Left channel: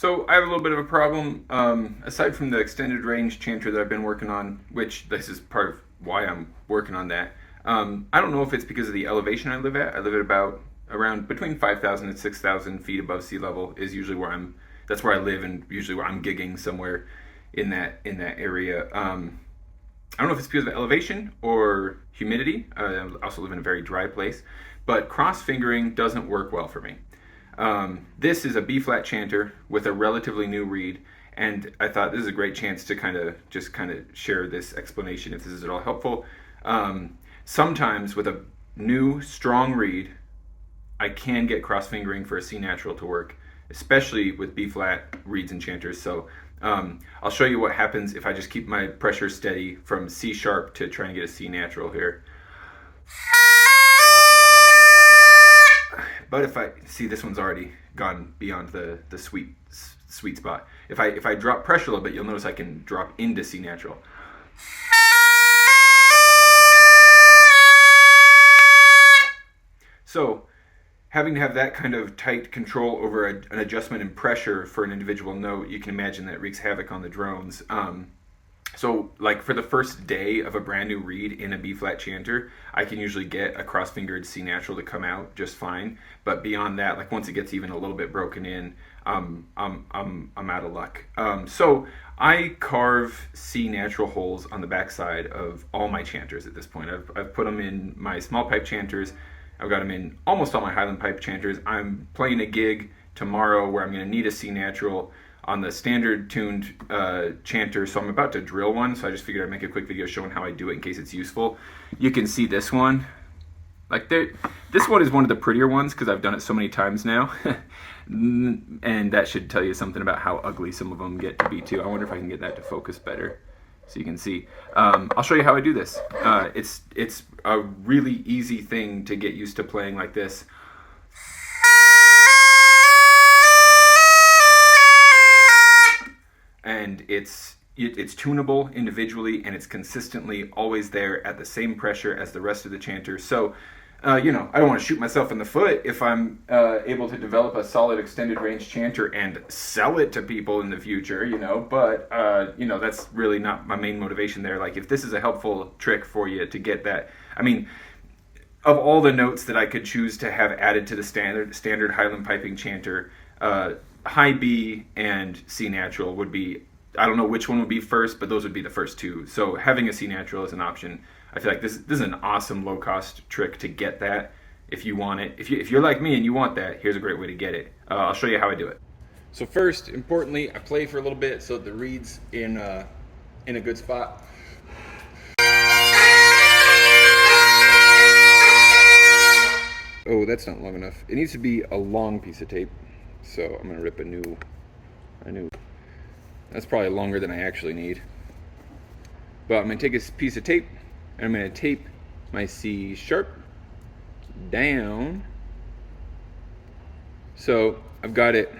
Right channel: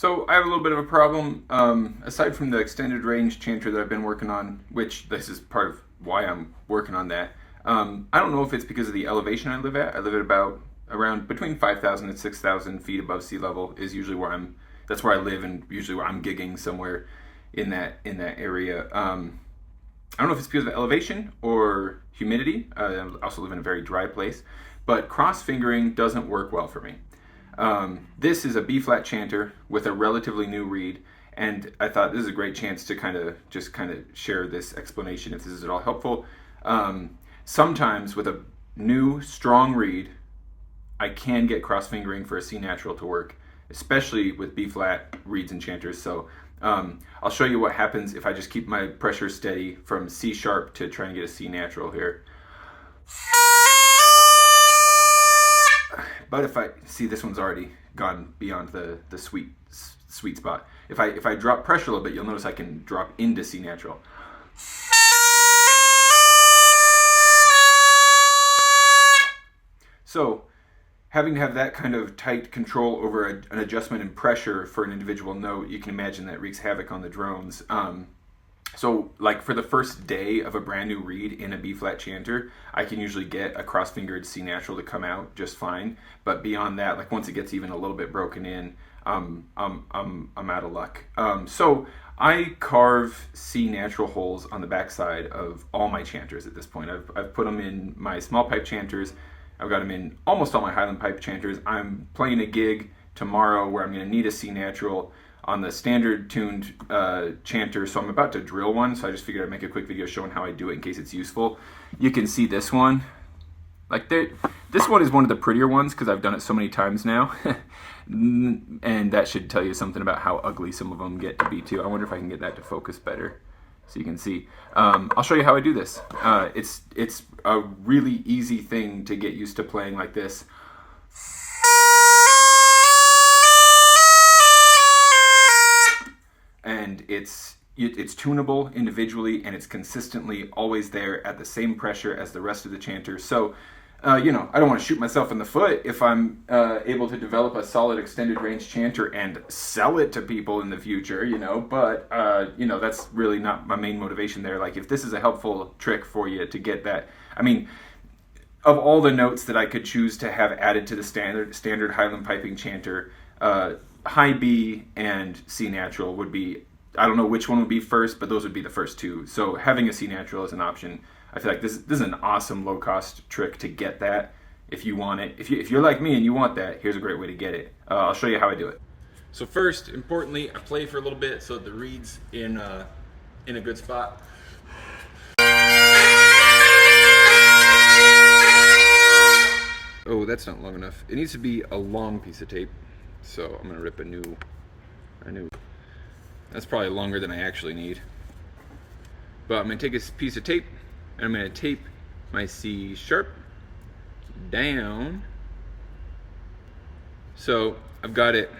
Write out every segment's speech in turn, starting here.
So I have a little bit of a problem. Aside from the extended range chanter that I've been working on, which this is part of why I'm working on that, I don't know if it's because of the elevation I live at. I live at about around between 5,000 and 6,000 feet above sea level is usually where that's where I live, and usually where I'm gigging somewhere in that area. I don't know if it's because of elevation or humidity. I also live in a very dry place, but cross fingering doesn't work well for me. This is a B-flat chanter with a relatively new reed, and I thought this is a great chance to kind of share this explanation if this is at all helpful. Sometimes with a new strong reed, I can get cross fingering for a C natural to work, especially with B-flat reeds and chanters. So I'll show you what happens if I just keep my pressure steady from C sharp to try and get a C natural here. But if I see, this one's already gone beyond the sweet spot. If I drop pressure a little bit, you'll notice I can drop into C natural. So having to have that kind of tight control over an adjustment in pressure for an individual note, you can imagine that wreaks havoc on the drones. So like for the first day of a brand new reed in a B-flat chanter, I can usually get a cross-fingered C natural to come out just fine. But beyond that, like once it gets even a little bit broken in, I'm out of luck. So I carve C natural holes on the backside of all my chanters at this point. I've put them in my small pipe chanters. I've got them in almost all my Highland pipe chanters. I'm playing a gig tomorrow where I'm going to need a C natural on the standard tuned chanter, so I'm about to drill one, so I just figured I'd make a quick video showing how I do it in case it's useful. You can see this one. This one is one of the prettier ones because I've done it so many times now. And that should tell you something about how ugly some of them get to be too. I wonder if I can get that to focus better so you can see. I'll show you how I do this. It's a really easy thing to get used to playing like this. And it's tunable individually, and it's consistently always there at the same pressure as the rest of the chanter. So, I don't want to shoot myself in the foot if I'm able to develop a solid extended range chanter and sell it to people in the future, but, that's really not my main motivation there. Like, if this is a helpful trick for you to get that, I mean, of all the notes that I could choose to have added to the standard Highland piping chanter, high B and C natural would be, I don't know which one would be first, but those would be the first two. So having a C natural is an option. I feel like this is an awesome low cost trick to get that if you want it. If you're like me and you want that, here's a great way to get it. I'll show you how I do it. So first, importantly, I play for a little bit so that the reed's in a good spot. Oh, that's not long enough. It needs to be a long piece of tape. So I'm gonna rip a new. That's probably longer than I actually need. But I'm gonna take a piece of tape and I'm gonna tape my C sharp down. So I've got it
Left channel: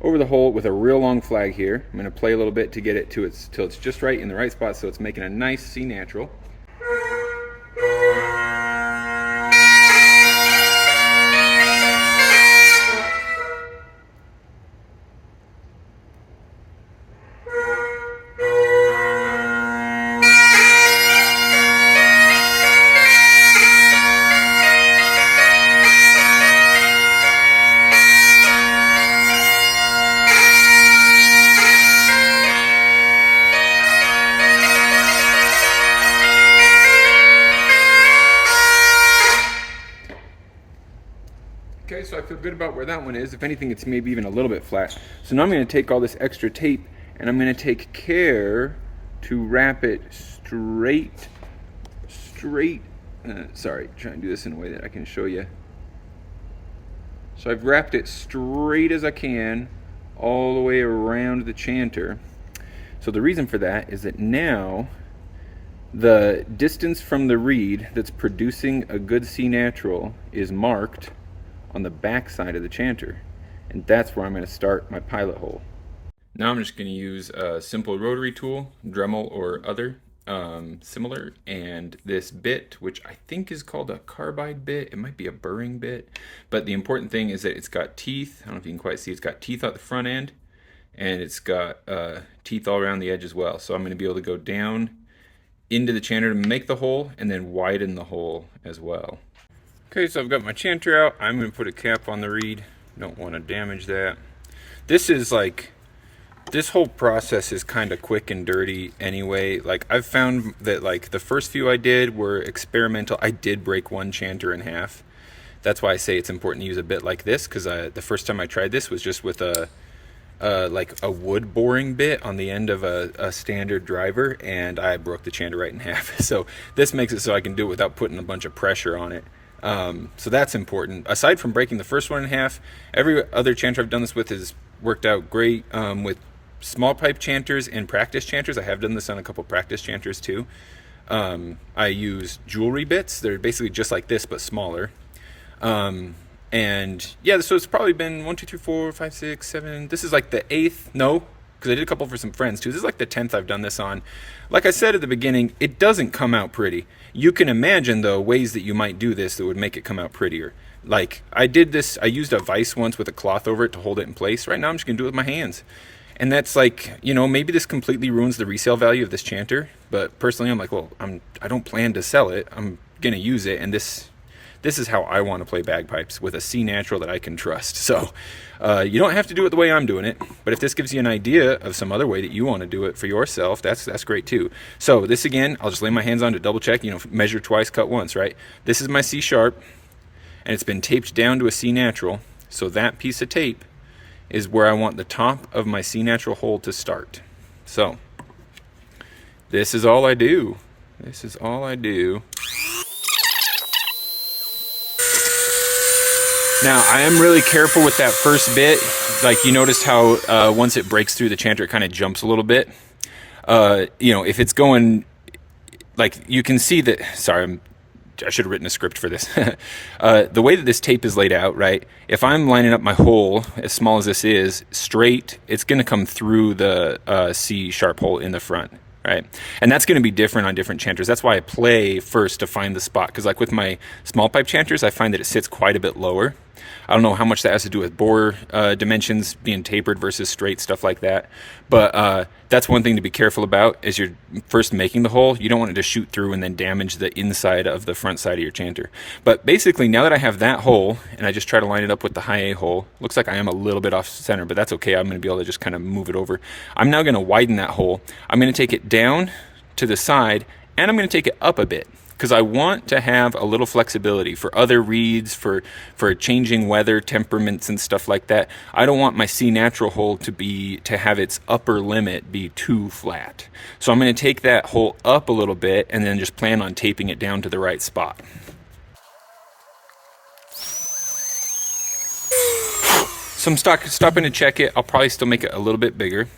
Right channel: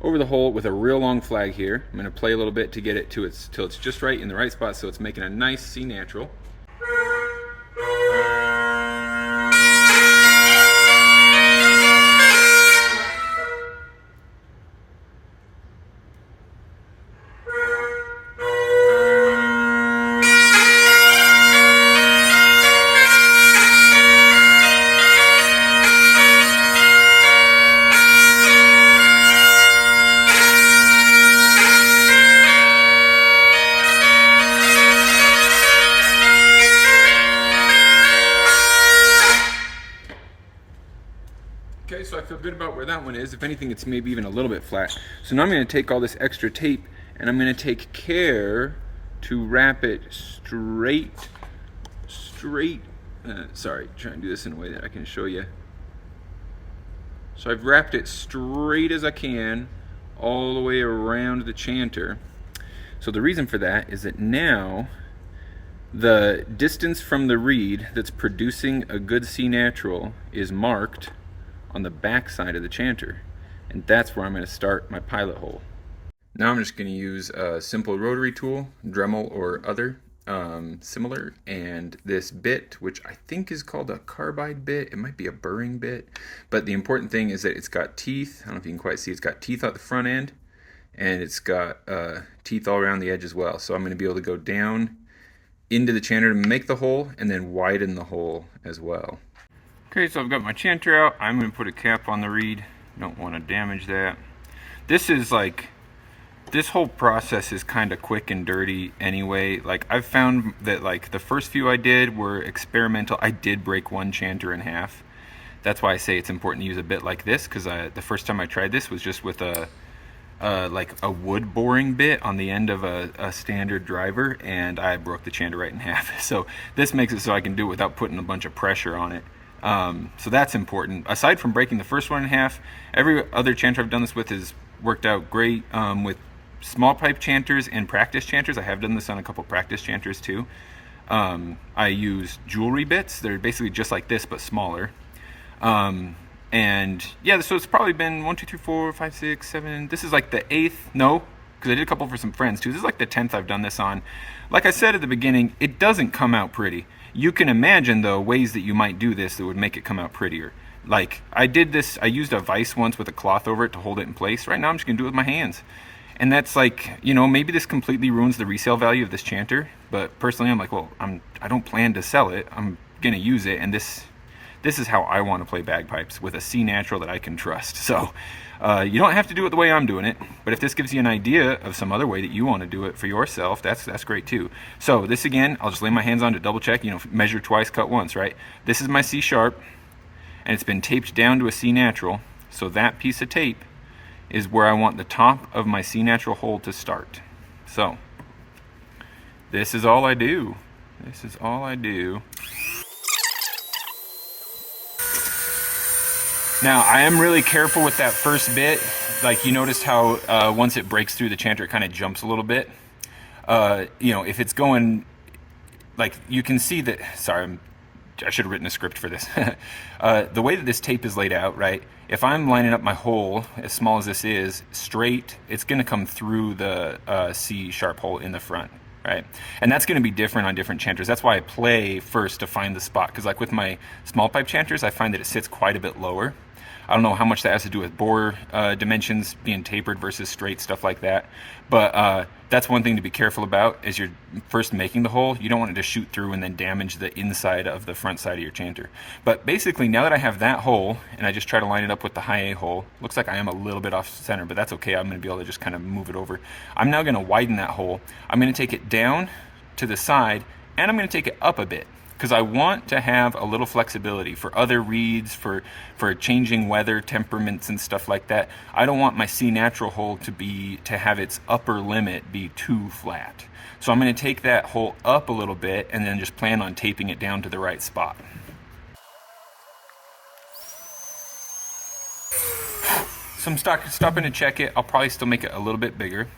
over the hole with a real long flag here. I'm gonna play a little bit to get it till it's just right in the right spot, so it's making a nice C natural. Okay, so I feel good about where that one is. If anything, it's maybe even a little bit flat. So now I'm going to take all this extra tape and I'm going to take care to wrap it straight. Sorry, try and do this in a way that I can show you. So I've wrapped it straight as I can all the way around the chanter. So the reason for that is that now the distance from the reed that's producing a good C natural is marked on the back side of the chanter, and that's where I'm going to start my pilot hole. Now I'm just going to use a simple rotary tool, Dremel or other, similar, and this bit, which I think is called a carbide bit, it might be a burring bit, but the important thing is that it's got teeth. I don't know if you can quite see, it's got teeth at the front end, and it's got teeth all around the edge as well. So I'm going to be able to go down into the chanter to make the hole, and then widen the hole as well. Okay, so I've got my chanter out. I'm going to put a cap on the reed. Don't want to damage that. This whole process is kind of quick and dirty anyway. Like, I've found that like the first few I did were experimental. I did break one chanter in half. That's why I say it's important to use a bit like this, because the first time I tried this was just with like a wood boring bit on the end of a standard driver, and I broke the chanter right in half. So this makes it so I can do it without putting a bunch of pressure on it. So that's important. Aside from breaking the first one in half, every other chanter I've done this with has worked out great. With small pipe chanters and practice chanters, I have done this on a couple practice chanters too. I use jewelry bits. They're basically just like this but smaller. And yeah, so it's probably been 1, 2, 3, 4, 5, 6, 7. This is like the 8th. No, because I did a couple for some friends too. This is like the 10th I've done this on. Like I said at the beginning, it doesn't come out pretty. You can imagine though ways that you might do this that would make it come out prettier. Like I did this, I used a vise once with a cloth over it to hold it in place. Right now I'm just gonna do it with my hands. And that's like, you know, maybe this completely ruins the resale value of this chanter, but personally I'm like, well, I don't plan to sell it. I'm gonna use it, and this is how I want to play bagpipes, with a C natural that I can trust. So you don't have to do it the way I'm doing it, but if this gives you an idea of some other way that you want to do it for yourself, that's great too. So this again, I'll just lay my hands on to double check, you know, measure twice, cut once, right? This is my C sharp, and it's been taped down to a C natural. So that piece of tape is where I want the top of my C natural hole to start. So this is all I do. This is all I do. Now, I am really careful with that first bit. Like, you noticed how once it breaks through the chanter, it kind of jumps a little bit. You know, if it's going, like, you can see that, sorry, I should have written a script for this. The way that this tape is laid out, right, if I'm lining up my hole, as small as this is, straight, it's going to come through the C sharp hole in the front. Right, and that's going to be different on different chanters. That's why I play first to find the spot, because like with my small pipe chanters, I find that it sits quite a bit lower. I don't know how much that has to do with bore dimensions being tapered versus straight, stuff like that. But that's one thing to be careful about as you're first making the hole. You don't want it to shoot through and then damage the inside of the front side of your chanter. But basically, now that I have that hole, and I just try to line it up with the high A hole, looks like I am a little bit off center, but that's okay. I'm going to be able to just kind of move it over. I'm now going to widen that hole. I'm going to take it down to the side, and I'm going to take it up a bit, because I want to have a little flexibility for other reeds, for changing weather, temperaments, and stuff like that. I don't want my C natural hole to have its upper limit be too flat. So I'm going to take that hole up a little bit and then just plan on taping it down to the right spot. So I'm stopping to check it. I'll probably still make it a little bit bigger.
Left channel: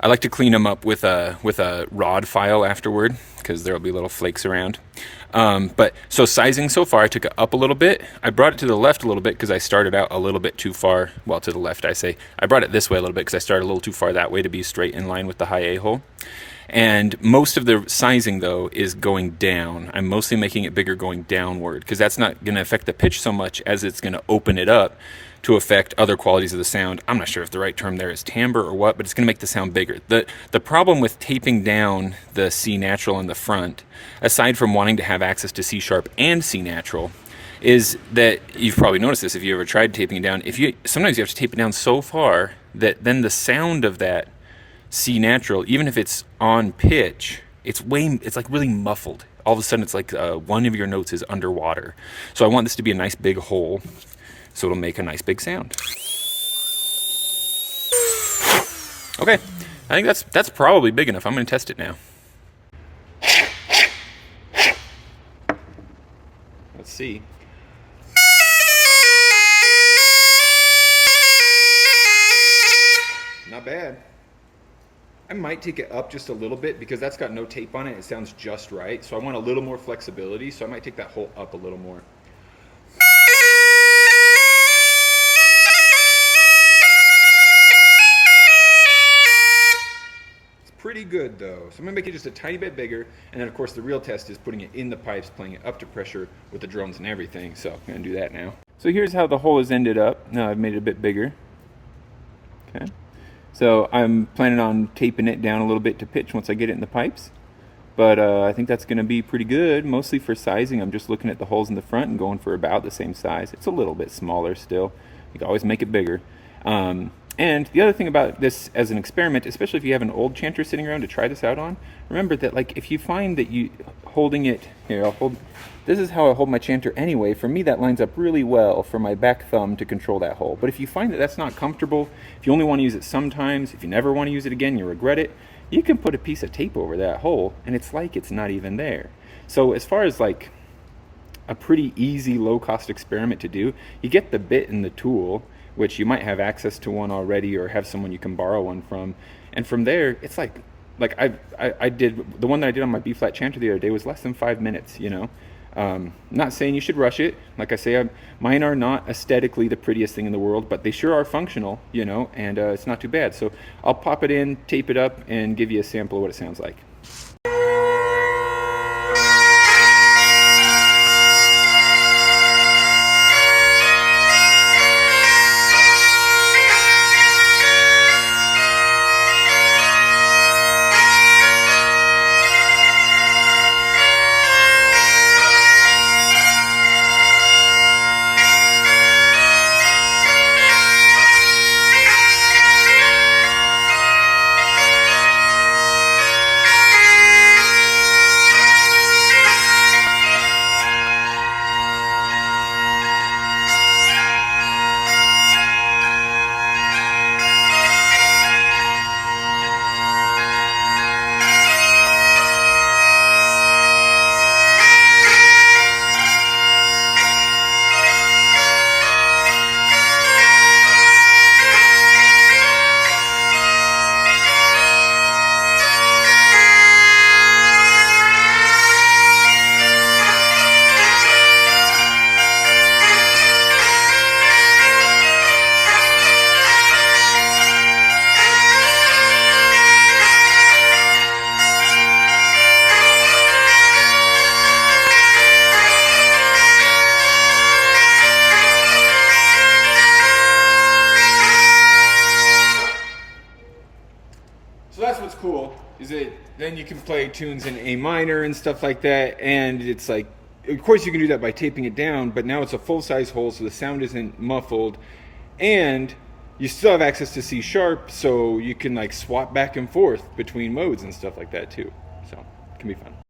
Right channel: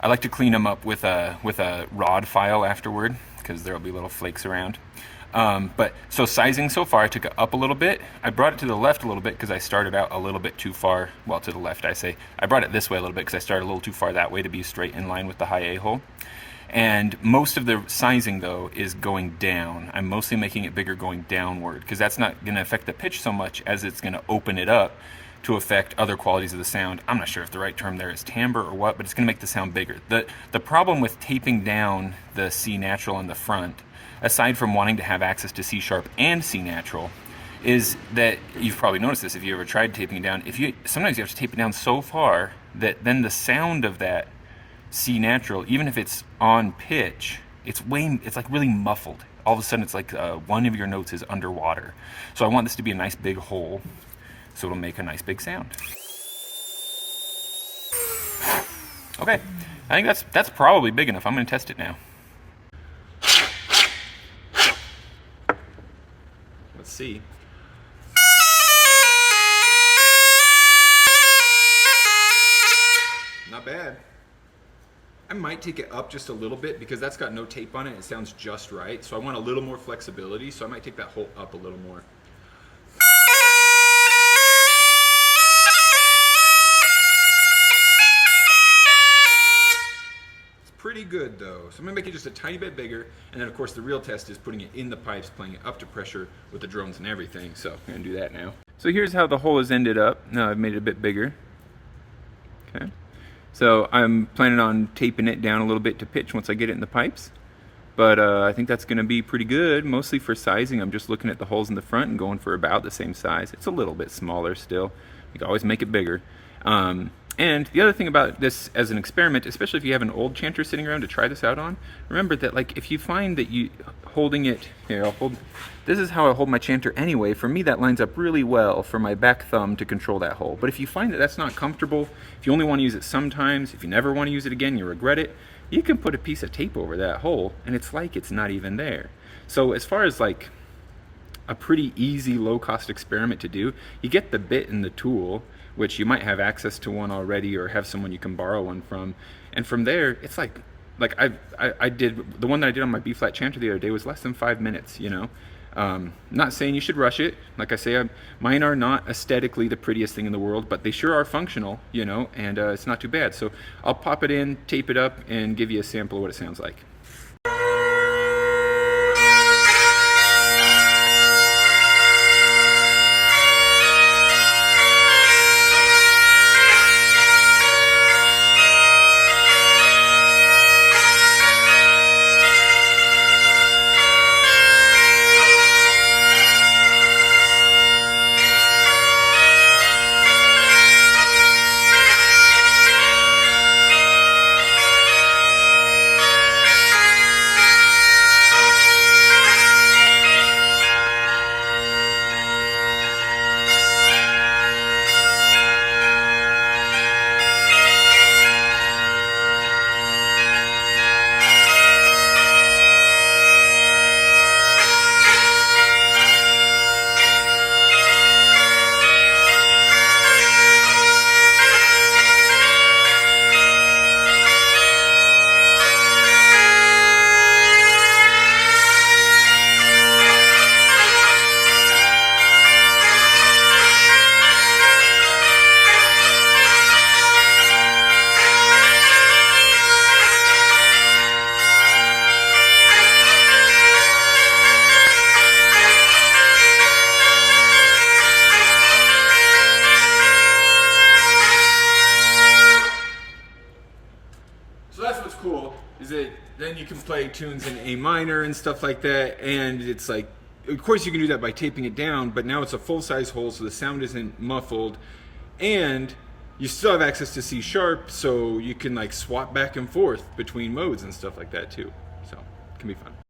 I like to clean them up with a rod file afterward, because there'll be little flakes around. But so sizing so far, I took it up a little bit. I brought it to the left a little bit because I started out a little bit too far. Well, to the left, I say. I brought it this way a little bit because I started a little too far that way to be straight in line with the high A hole. And most of the sizing, though, is going down. I'm mostly making it bigger going downward, because that's not going to affect the pitch so much as it's going to open it up to affect other qualities of the sound. I'm not sure if the right term there is timbre or what, but it's going to make the sound bigger. The problem with taping down the C natural in the front, aside from wanting to have access to C sharp and C natural, is that you've probably noticed this if you ever tried taping it down. Sometimes you have to tape it down so far that then the sound of that C natural, even if it's on pitch, it's like really muffled. All of a sudden it's like one of your notes is underwater. So I want this to be a nice big hole, so it'll make a nice big sound. Okay, I think that's probably big enough. I'm going to test it now. Let's see. Not bad. I might take it up just a little bit because that's got no tape on it. It sounds just right. So I want a little more flexibility. So I might take that hole up a little more. pretty good though. So I'm gonna make it just a tiny bit bigger, and then of course the real test is putting it in the pipes, playing it up to pressure with the drones and everything. So I'm gonna do that now. So here's how the hole has ended up. Now I've made it a bit bigger. Okay. So I'm planning on taping it down a little bit to pitch once I get it in the pipes. But I think that's going to be pretty good. Mostly for sizing, I'm just looking at the holes in the front and going for about the same size. It's a little bit smaller still. You can always make it bigger. And the other thing about this as an experiment, especially if you have an old chanter sitting around to try this out on, remember that like if you find that you holding it, here I'll hold, this is how I hold my chanter anyway. For me that lines up really well for my back thumb to control that hole. But if you find that that's not comfortable, if you only want to use it sometimes, if you never want to use it again, you regret it, you can put a piece of tape over that hole and it's like it's not even there. So as far as like a pretty easy low cost experiment to do, you get the bit and the tool, which you might have access to one already or have someone you can borrow one from, and from there it's like I did the one that I did on my B flat chanter the other day was less than 5 minutes, you know. Not saying you should rush it. Like I say, mine are not aesthetically the prettiest thing in the world, but they sure are functional, you know, and it's not too bad. So I'll pop it in, tape it up, and give you a sample of what it sounds like. So that's what's cool, is that then you can play tunes in A minor and stuff like that, and it's like, of course you can do that by taping it down, but now it's a full-size hole so the sound isn't muffled, and you still have access to C sharp, so you can like swap back and forth between modes and stuff like that too. So it can be fun.